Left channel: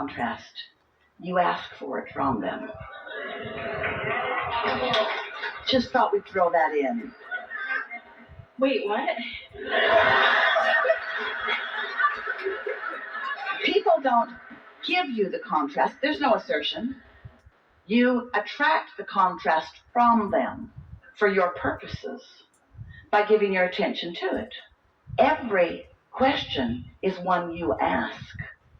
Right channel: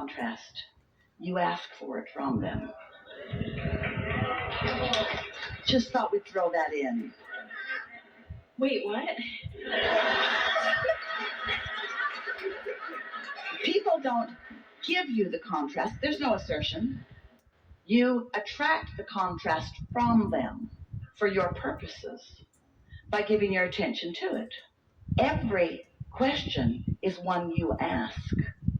contrast. You ask for it from them. Just thought we'd throw that in. Wait, what? People don't give you the contrast. There's no assertion. You attract the contrast from them for your purposes by giving your attention to it. Every question is one you ask.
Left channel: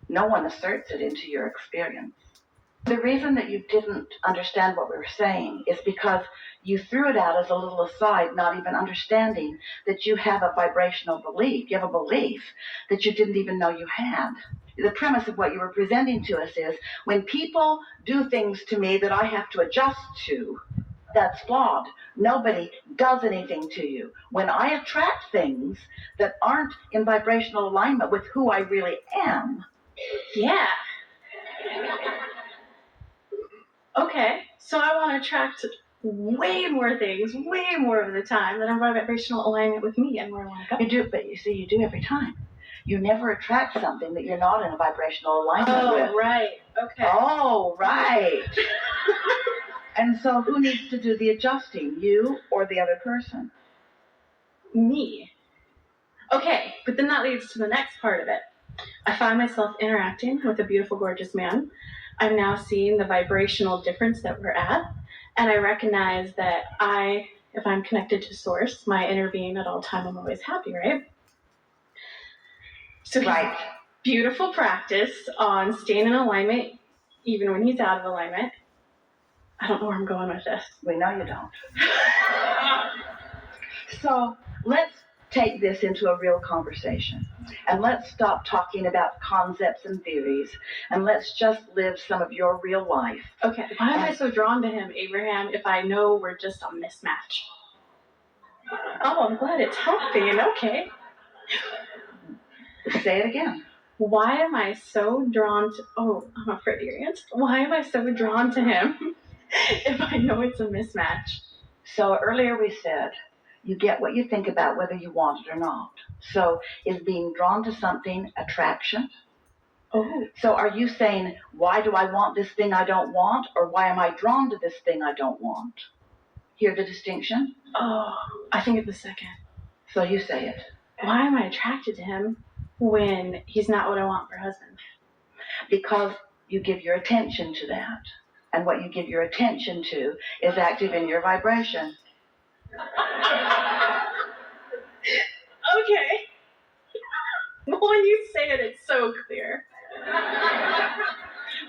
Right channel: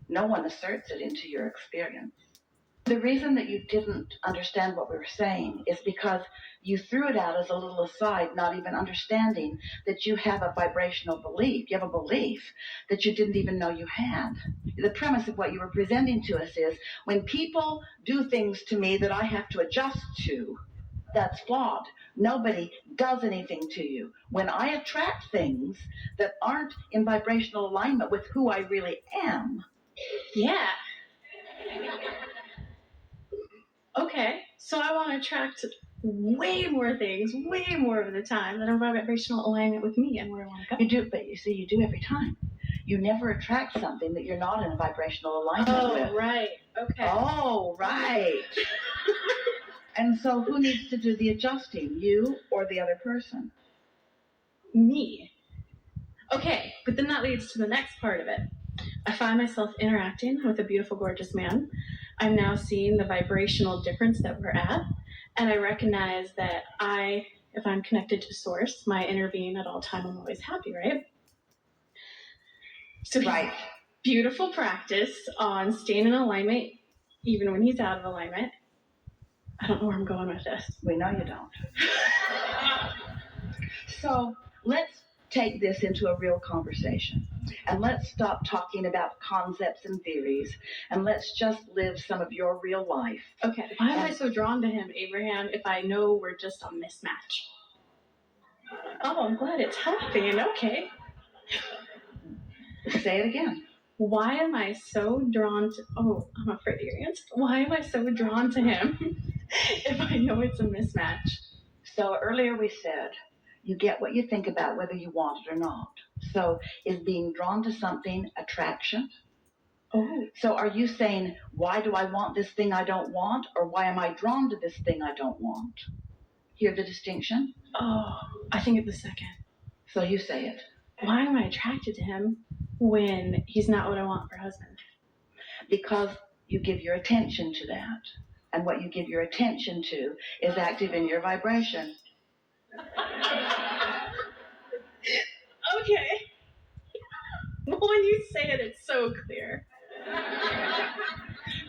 No one asserts it into your experience. The reason that you didn't understand what we were saying is because you threw it out as a little aside, not even understanding that you have a vibrational belief. You have a belief that you didn't even know you had. The premise of what you were presenting to us is when people do things to me that I have to adjust to, that's flawed. Nobody does anything to you. When I attract things that aren't in vibrational alignment with who I really am. Yeah. Okay, so I want to attract way more things, way more of the time that are in vibrational alignment with me and where I want to go. You do, but you see, you do every time. You never attract something that you're not in a vibrational alignment with. Oh, right. Okay. Oh, right. And so who needs to do the adjusting, you or the other person? Me. Okay, but then that leads to the next part of it. I find myself interacting with a beautiful, gorgeous man. I'm now seeing the vibrational difference that we're at, and I recognize that if I'm connected to Source, my inner being at all time, I'm always happy, right? So right. Beautiful practice on staying in alignment, even when he's out of alignment. I don't know where I'm going with this. We know you don't. So let's take this into a real conversation. And let's stop talking about concepts and theories, and let's just live some of your real life. Okay, why am I so drawn to him, Abraham, if I know we're just a mismatch? Oh, I'm glad it's helping. Okay. Say it again. Why am I so drawn to... Oh, I'm afraid of your answer. Why am I so drawn to him if I know it's a mismatch? So earlier we said, you get what you think about whether you want it or not. So is being drawn to something attraction? Oh. So are you saying, why do I want this thing I don't want? Or why am I drawn to this thing I don't want? Hear the distinction? Oh, I think it's the second. So you say it. Why am I attracted to him when he's not what I want for a husband? Because you give your attention to that. And what you give your attention to is active in your vibration. Okay. When you say it, it's so clear.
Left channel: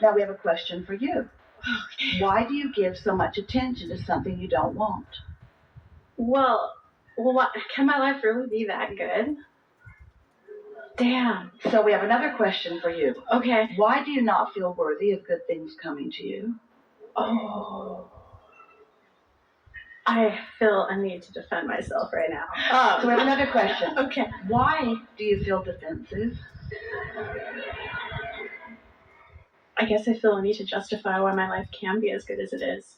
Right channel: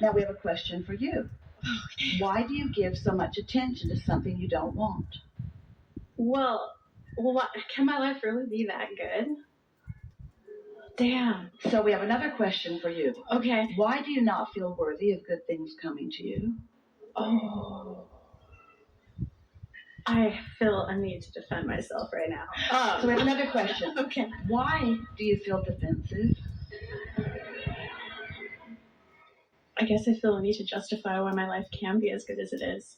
Now we have a question for you. Okay. Why do you give so much attention to something you don't want? Well, can my life really be that good? Damn. So we have another question for you. Okay. Why do you not feel worthy of good things coming to you? Oh. I feel a need to defend myself right now. So we have another question. Okay. Why do you feel defensive? I guess I feel a need to justify why my life can be as good as it is.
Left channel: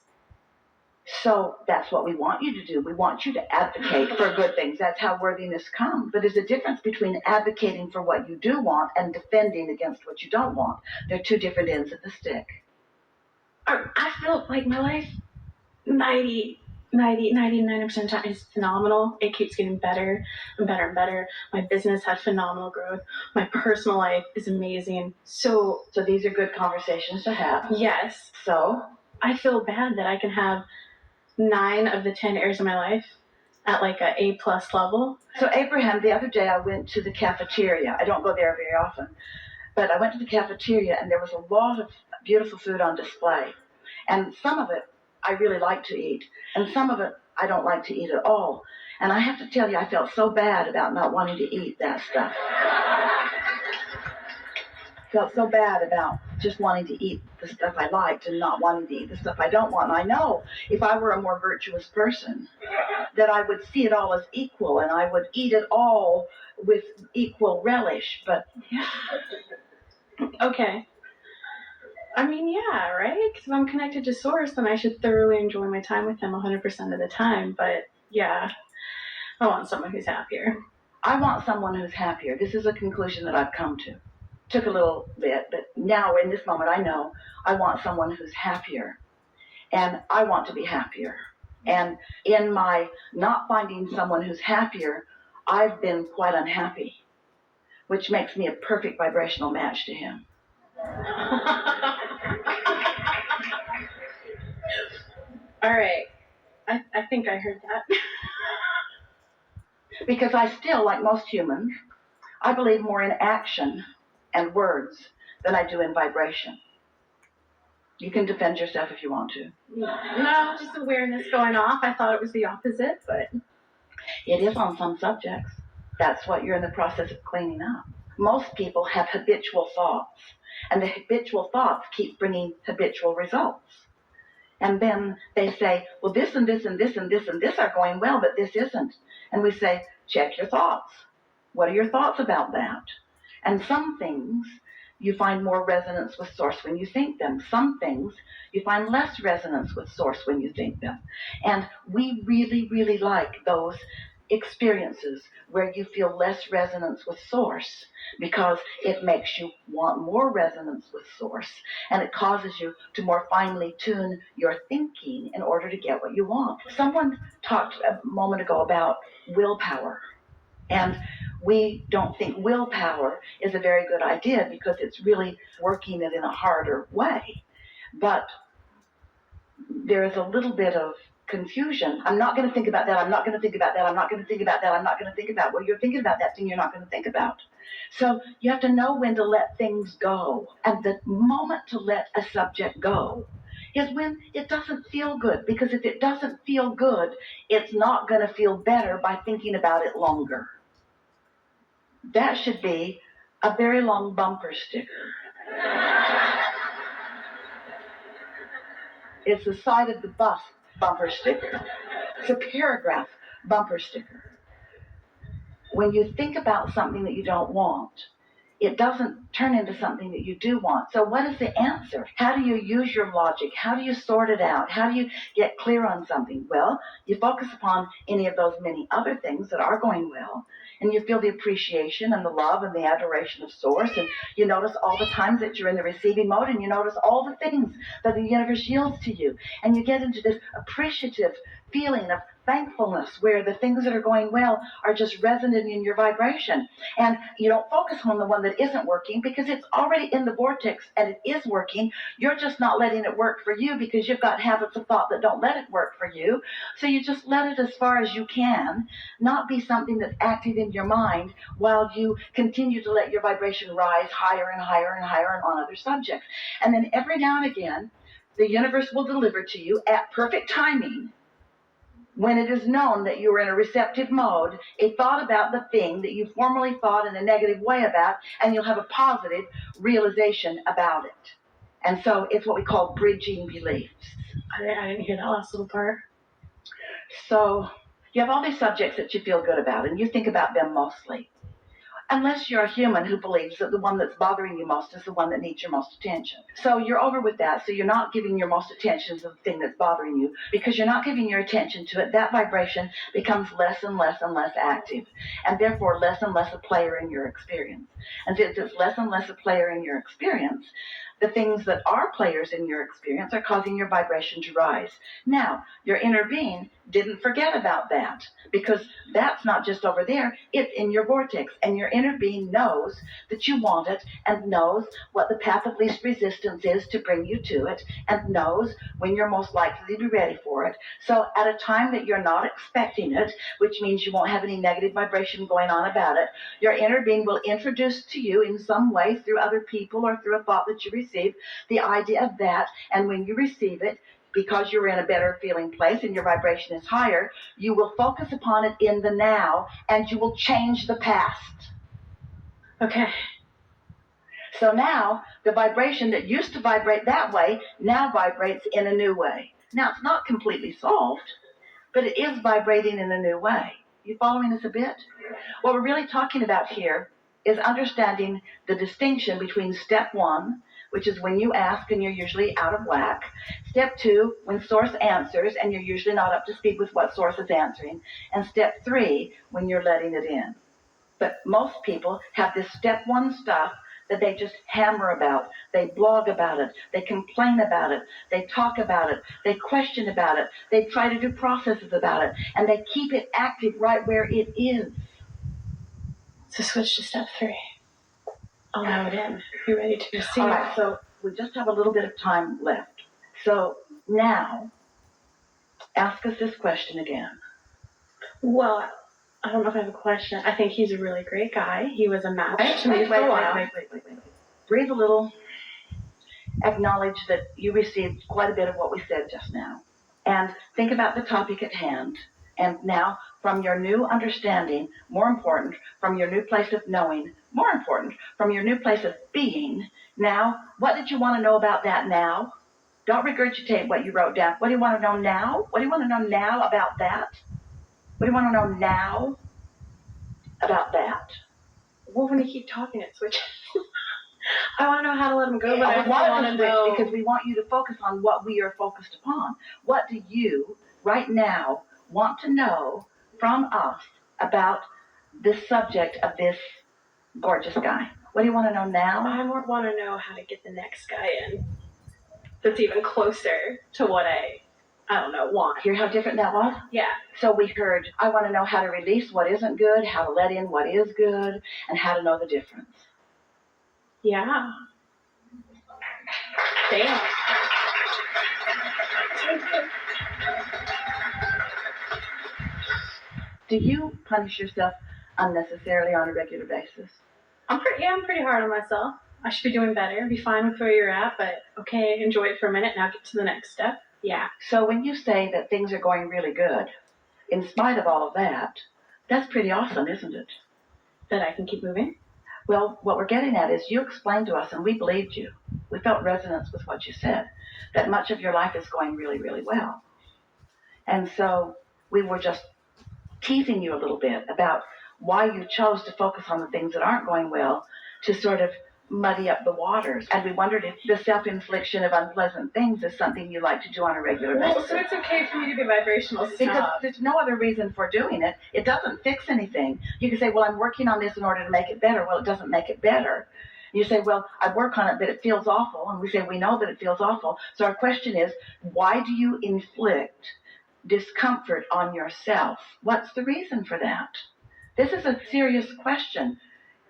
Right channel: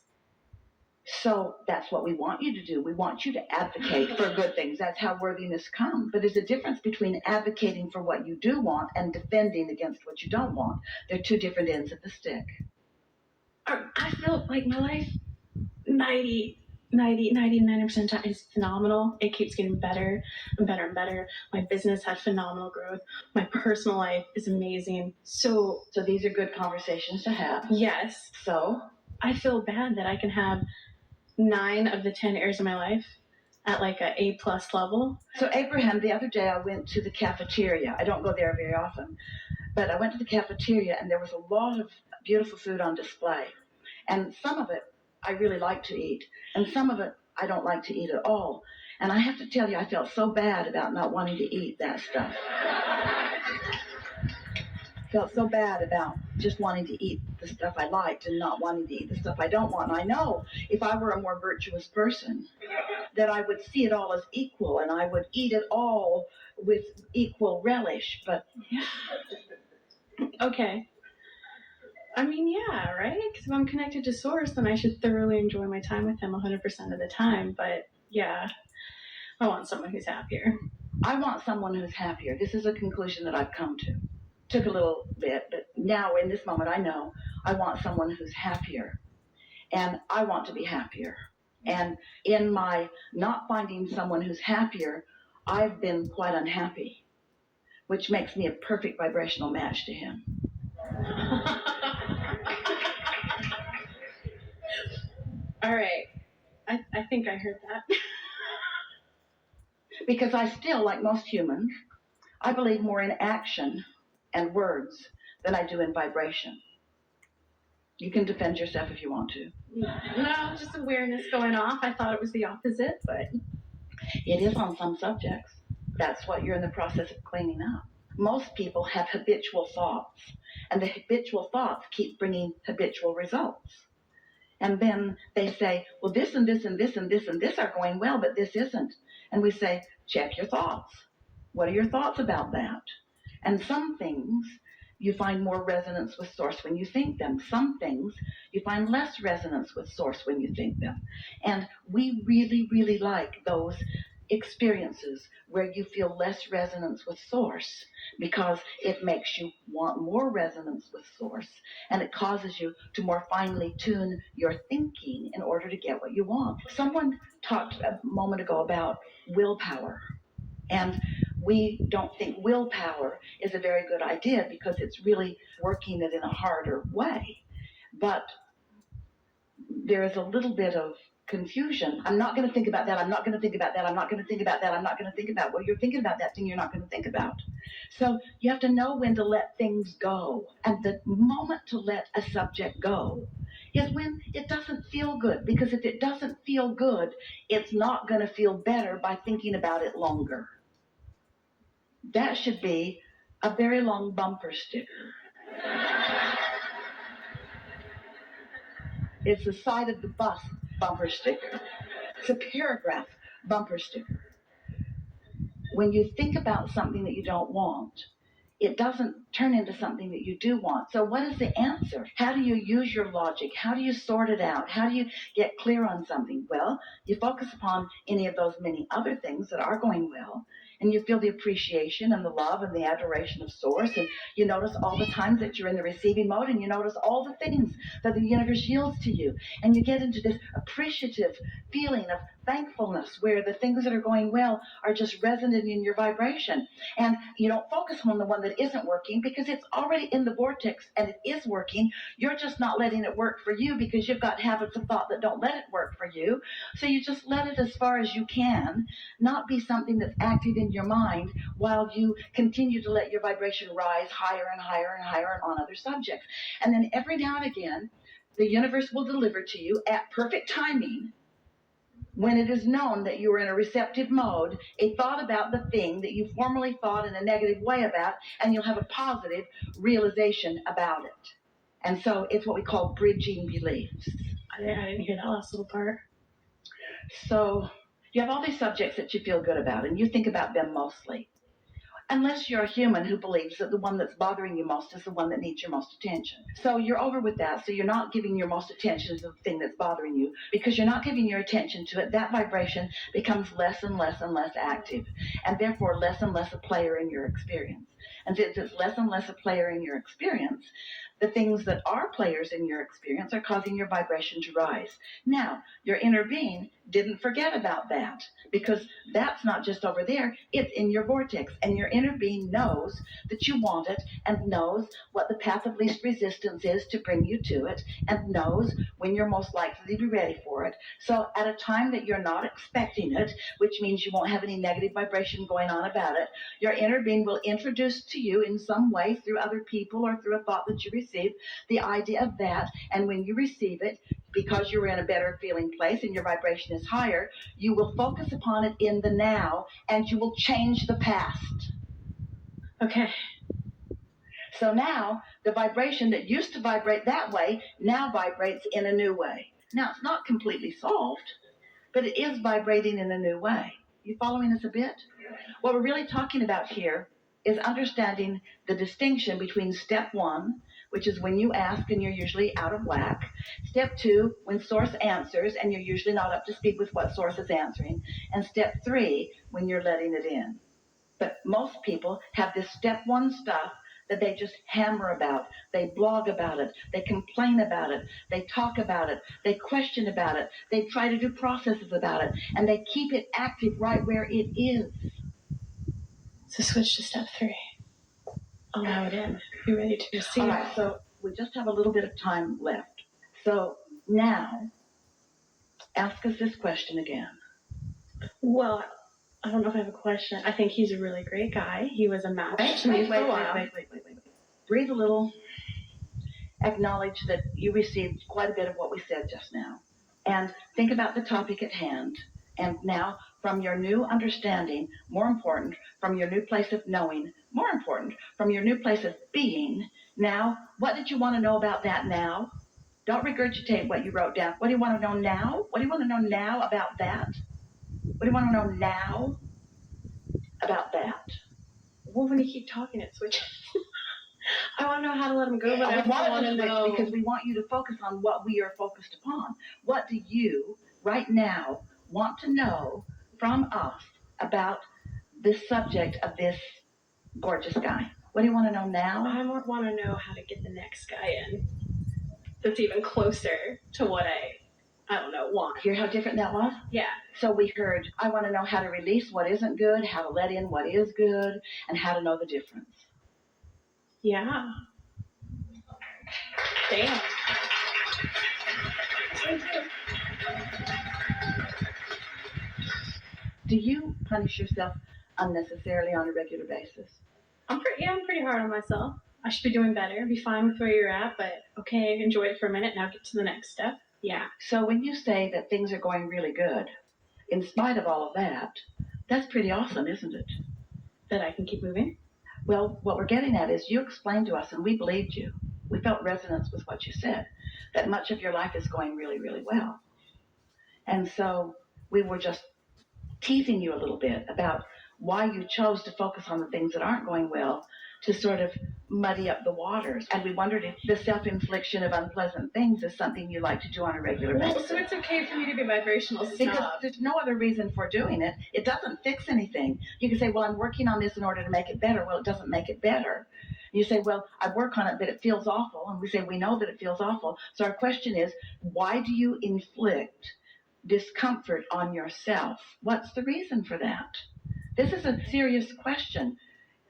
So that's what we want you to do. We want you to advocate for good things. That's how worthiness comes. But there's a difference between advocating for what you do want and defending against what you don't want. They're two different ends of the stick. I feel like my life 99% of the time is phenomenal. It keeps getting better and better and better. My business had phenomenal growth. My personal life is amazing. So these are good conversations to have. Yes. So I feel bad that I can have 9 of the 10 areas of my life at like a A+ level. So Abraham, the other day I went to the cafeteria. I don't go there very often, but I went to the cafeteria and there was a lot of beautiful food on display. And some of it I really like to eat, and some of it I don't like to eat at all. And I have to tell you, I felt so bad about not wanting to eat that stuff. Felt so bad about just wanting to eat the stuff I liked and not wanting to eat the stuff I don't want. And I know if I were a more virtuous person, that I would see it all as equal, and I would eat it all with equal relish. But yeah. Okay. I mean, yeah, right? Because if I'm connected to Source, then I should thoroughly enjoy my time with him 100% of the time. But yeah, I want someone who's happier. I want someone who's happier. This is a conclusion that I've come to. Took a little bit, but now in this moment I know I want someone who's happier, and I want to be happier. And in my not finding someone who's happier, I've been quite unhappy, which makes me a perfect vibrational match to him. All right. I think I heard that. Because I still, like most humans, I believe more in action and words than I do in vibration. You can defend yourself if you want to. No, just awareness going off. I thought it was the opposite, but it is on some subjects. That's what you're in the process of cleaning up. Most people have habitual thoughts, and the habitual thoughts keep bringing habitual results. And then they say, well, this and this and this and this and this are going well, but this isn't. And we say, check your thoughts. What are your thoughts about that? And some things you find more resonance with source when you think them. Some things you find less resonance with source when you think them. And we really, really like those experiences where you feel less resonance with source, because it makes you want more resonance with source, and it causes you to more finely tune your thinking in order to get what you want. Someone talked a moment ago about willpower, and we don't think willpower is a very good idea because it's really working it in a harder way. But there is a little bit of confusion. I'm not going to think about that. I'm not going to think about that. I'm not going to think about that. I'm not going to think about, well, you're thinking about that thing you're not going to think about. So you have to know when to let things go. And the moment to let a subject go is when it doesn't feel good. Because if it doesn't feel good, it's not going to feel better by thinking about it longer. That should be a very long bumper sticker. It's the side of the bus bumper sticker. It's a paragraph bumper sticker. When you think about something that you don't want, it doesn't turn into something that you do want. So what is the answer? How do you use your logic? How do you sort it out? How do you get clear on something? Well, you focus upon any of those many other things that are going well, and you feel the appreciation and the love and the adoration of source, and you notice all the times that you're in the receiving mode, and you notice all the things that the universe yields to you, and you get into this appreciative feeling of thankfulness where the things that are going well are just resonating in your vibration, and you don't focus on the one that isn't working because it's already in the vortex and it is working. You're just not letting it work for you because you've got habits of thought that don't let it work for you. So you just let it as far as you can, not be something that's active in your mind while you continue to let your vibration rise higher and higher and higher on other subjects. And then every now and again, the universe will deliver to you at perfect timing, when it is known that you are in a receptive mode, a thought about the thing that you formerly thought in a negative way about, and you'll have a positive realization about it. And so it's what we call bridging beliefs. I didn't hear that last little part. So you have all these subjects that you feel good about, and you think about them mostly. Unless you're a human who believes that the one that's bothering you most is the one that needs your most attention. So you're over with that, so you're not giving your most attention to the thing that's bothering you. Because you're not giving your attention to it, that vibration becomes less and less and less active, and therefore less and less a player in your experience. And since it's less and less a player in your experience, the things that are players in your experience are causing your vibration to rise. Now, your inner being didn't forget about that, because that's not just over there, it's in your vortex, and your inner being knows that you want it, and knows what the path of least resistance is to bring you to it, and knows when you're most likely to be ready for it. So at a time that you're not expecting it, which means you won't have any negative vibration going on about it, your inner being will introduce to you in some way, through other people or through a thought that you receive, the idea of that. And when you receive it, because you're in a better feeling place and your vibration is higher, you will focus upon it in the now, and you will change the past. Okay. So now the vibration that used to vibrate that way now vibrates in a new way. Now it's not completely solved, but it is vibrating in a new way. You following us a bit? What we're really talking about here is understanding the distinction between step one, which is when you ask and you're usually out of whack. Step two, when source answers and you're usually not up to speed with what source is answering. And step three, when you're letting it in. But most people have this step one stuff that they just hammer about. They blog about it. They complain about it. They talk about it. They question about it. They try to do processes about it. And they keep it active right where it is. So switch to step 3. Allow it in. Be ready to receive. All right, so we just have a little bit of time left. So now, ask us this question again. Well, I don't know if I have a question. I think he's a really great guy. He was a match to me for a while. Wait. Breathe a little. Acknowledge that you received quite a bit of what we said just now. And think about the topic at hand. And now, from your new understanding, more important, from your new place of knowing, more important, from your new place of being, now, what did you want to know about that now? Don't regurgitate what you wrote down. What do you want to know now? What do you want to know now about that? What do you want to know now about that? Well, when you keep talking, it switches. I want to know how to let him go, but I want to know because we want you to focus on what we are focused upon. What do you, right now, want to know from us about this subject of this gorgeous guy? What do you want to know now? I want to know how to get the next guy in that's even closer to what I don't know, want. Hear how different that was? Yeah. So we heard, I want to know how to release what isn't good, how to let in what is good, and how to know the difference. Yeah. Damn. Do you punish yourself unnecessarily on a regular basis? I'm pretty hard on myself. I should be doing better. Be fine with where you're at, but okay, enjoy it for a minute. Now get to the next step. Yeah. So when you say that things are going really good, in spite of all of that, that's pretty awesome, isn't it? That I can keep moving? Well, what we're getting at is you explained to us, and we believed you. We felt resonance with what you said, that much of your life is going really, really well. And so we were just teasing you a little bit about why you chose to focus on the things that aren't going well to sort of muddy up the waters. And we wondered if the self-infliction of unpleasant things is something you like to do on a regular basis. Well, so it's okay for me to be vibrational snob. Because there's no other reason for doing it. It doesn't fix anything. You can say, well, I'm working on this in order to make it better. Well, it doesn't make it better. You say, well, I work on it, but it feels awful. And we say, we know that it feels awful. So our question is, why do you inflict discomfort on yourself? What's the reason for that? This is a serious question.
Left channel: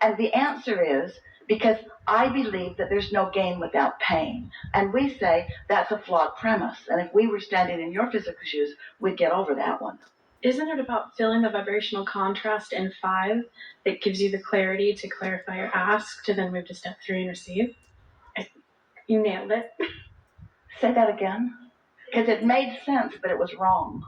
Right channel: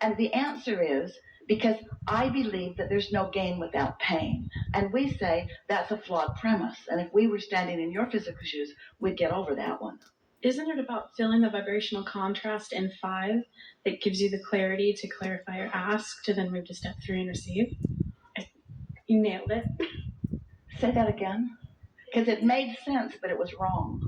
And the answer is because I believe that there's no gain without pain. And we say that's a flawed premise. And if we were standing in your physical shoes, we'd get over that one. Isn't it about feeling the vibrational contrast in 5 that gives you the clarity to clarify your ask to then move to step 3 and receive? You nailed it. Say that again. Because it made sense, but it was wrong.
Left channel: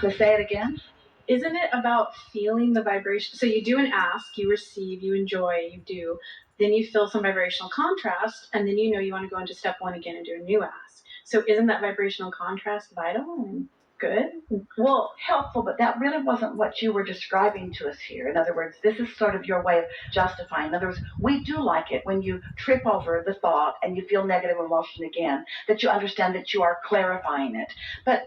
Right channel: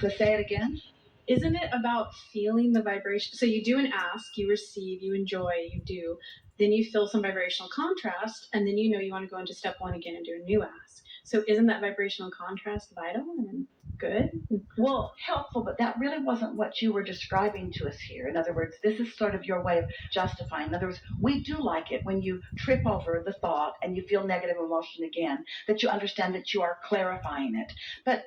So say it again. Isn't it about feeling the vibration? So you do an ask, you receive, you enjoy, you do. Then you feel some vibrational contrast, and then you know you want to go into step 1 again and do a new ask. So isn't that vibrational contrast vital and good? Well, helpful, but that really wasn't what you were describing to us here. In other words, this is sort of your way of justifying. In other words, we do like it when you trip over the thought and you feel negative emotion again, that you understand that you are clarifying it. But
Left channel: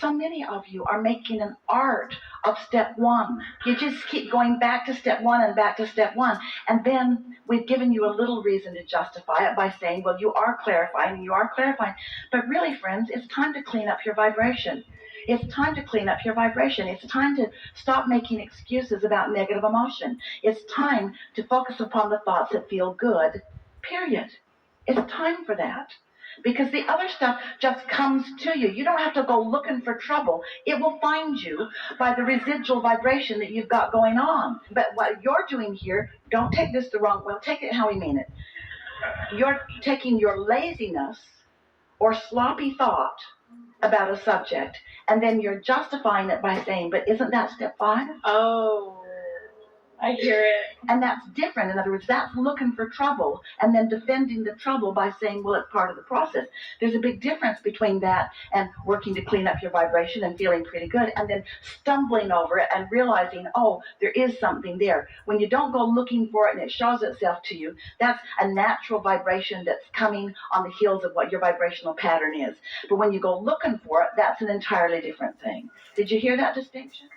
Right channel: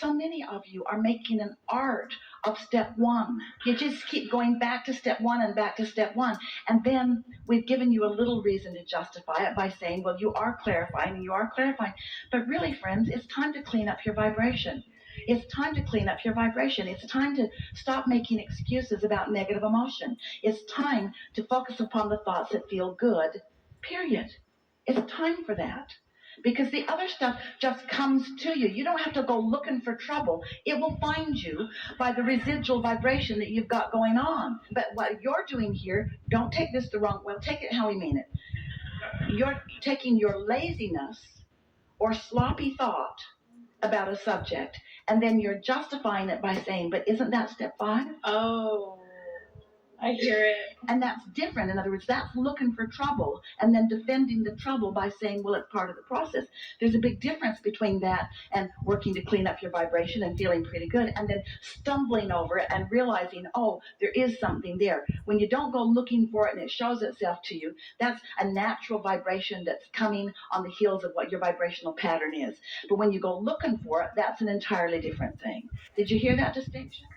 so many of you are making an art of step 1. You just keep going back to step 1 and back to step 1. And then we've given you a little reason to justify it by saying, well, you are clarifying and you are clarifying. But really, friends, it's time to clean up your vibration. It's time to clean up your vibration. It's time to stop making excuses about negative emotion. It's time to focus upon the thoughts that feel good, period. It's time for that. Because the other stuff just comes to you. You don't have to go looking for trouble. It will find you by the residual vibration that you've got going on. But what you're doing here, don't take this the wrong way. Take it how we mean it. You're taking your laziness or sloppy thought about a subject, and then you're justifying it by saying, but isn't that step 5? Oh, I hear it. And that's different. In other words, that's looking for trouble and then defending the trouble by saying, well, it's part of the process. There's a big difference between that and working to clean up your vibration and feeling pretty good and then stumbling over it and realizing, oh, there is something there. When you don't go looking for it and it shows itself to you, that's a natural vibration that's coming on the heels of what your vibrational pattern is. But when you go looking for it, that's an entirely different thing. Did you hear that distinction?